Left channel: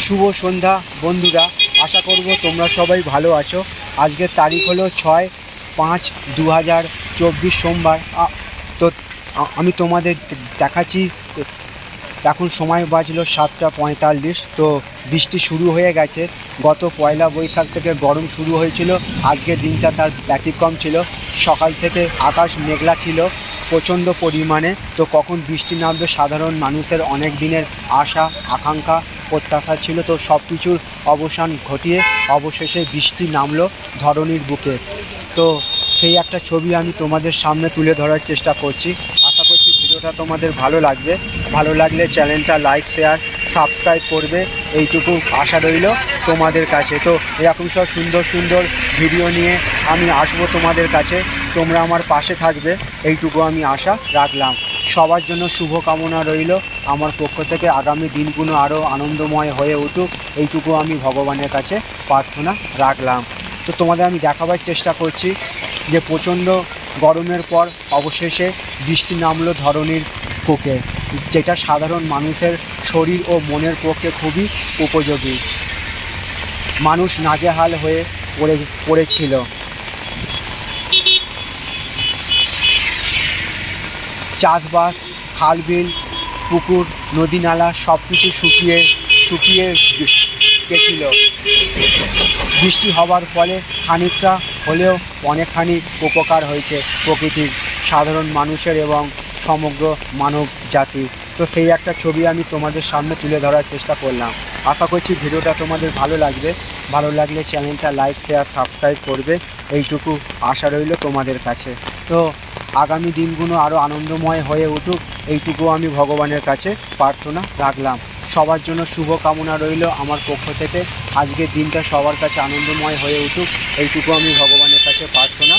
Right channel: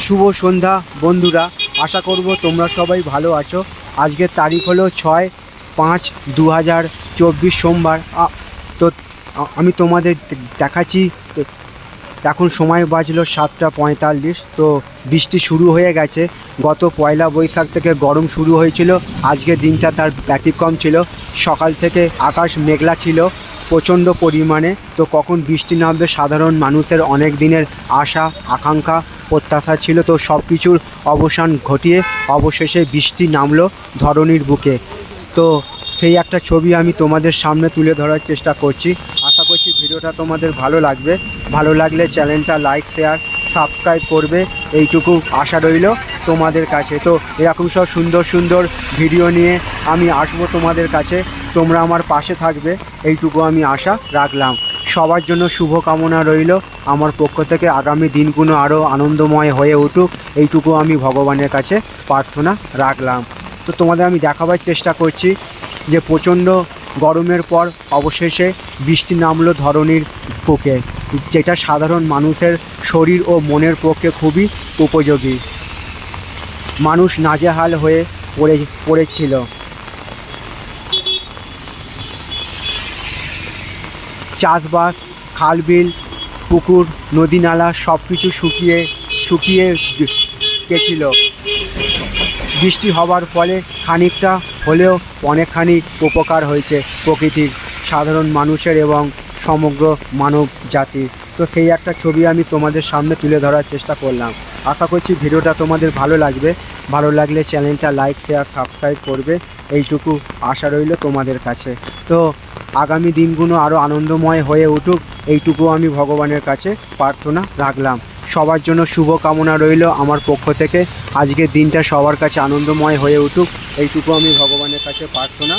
শুভ সন্ধ্যা, বন্ধুরা। আশা করব তোমরা সবাই ভালো আছো। আজকের তারিখ হলো ছয় পাঁচ দু হাজার চব্বিশ সোমবার। তো আমি তোমাদের দেখাচ্ছি। এখন সময় বাজলো সাতটা পঁয়তাল্লিশ। তো বৃষ্টি শুরু হয়ে গেছে। গত পয়লা বৈশাখ থেকে গরম শুরু হয়েছিল। আজকের দিনটা তার ব্যতিক্রম ছিল। সকাল থেকে আকাশ মেঘলা ছিল। প্রচণ্ড পরিমাণে। তো কখন বৃষ্টি নামবে সাধারণ মানুষের অনেক দিনের আশা, আকাঙ্ক্ষা, প্রত্যাশা ছিল। তো সব কিছুর অবসান ঘটিয়ে অবশেষে বৃষ্টি নামলো ধরণীর বুকে। তো সেই একটা ছবি আমি তোমাদের সামনে তুলে ধরার চেষ্টা করছি। আশা করছি ভিডিওটা তোমাদের ভালো লাগবে। ভালো লাগলে চ্যানেলটা লাইক, শেয়ার সাবস্ক্রাইব করবে, এইটুকু আশা রইল তোমাদের কাছে। তো এরকম সব সুন্দর সুন্দর ভিডিও নিয়ে আমি আসব তোমাদের কাছে। তোমরা আমার পাশে থাকবে, এইটুকু আমি আশা রাখলাম। সবার জন্য শুভ কামনা রইল। আমার পক্ষ থেকে আগামী দিনগুলো আরও আনন্দময় হয়ে উঠুক, এইটুকু আমি ভগবানের কাছে প্রার্থনা রাখলাম। তো তোমাদের আমি দেখাবার চেষ্টা করছি যে প্রচণ্ড গরমের পর অবশেষে বৃষ্টি নামলো ধরনীর বুকে। যেটা সাধারণ মানুষের শরীর ও মনের পক্ষে খুবই উপযোগী। মানুষ নাজেহাল হয়ে পড়ে, পড়েছিল। চাষবাস, খালবিল, পুকুর নদী নালা সব কিছু শুকিয়ে শুকিয়ে গেছিল। বৃষ্টি হবার ফলে খানিকটা হলেও অনেকখানি উপকার হয়েছে প্রকৃতির, সাধারণ মানুষের এবং সমগ্র মানব জাতি। তো সেই একটা ছবি আমি তোমাদের সামনে তুলে ধরার চেষ্টা করলাম। আশা করছি ভিডিওটা তোমাদের ভালো লাগবে। ভালো লাগলে চ্যানেলটা লাইক, শেয়ার, সাবস্ক্রাইব করবে। এইটুকু আশা রইল তোমাদের কাছে। তো আগামী দিনগুলো আরও আনন্দময় হয়ে উঠুক, এইটুকু আমি ভগবানের কাছে প্রার্থনা রাখলাম। সবার জন্য শুভ কামনা রইল আমার পক্ষ থেকে। আজকের দিনটা সবার কাছে আনন্দময় হয়ে উঠুক, এইটুকু আমি ভগবানের কাছে প্রার্থনা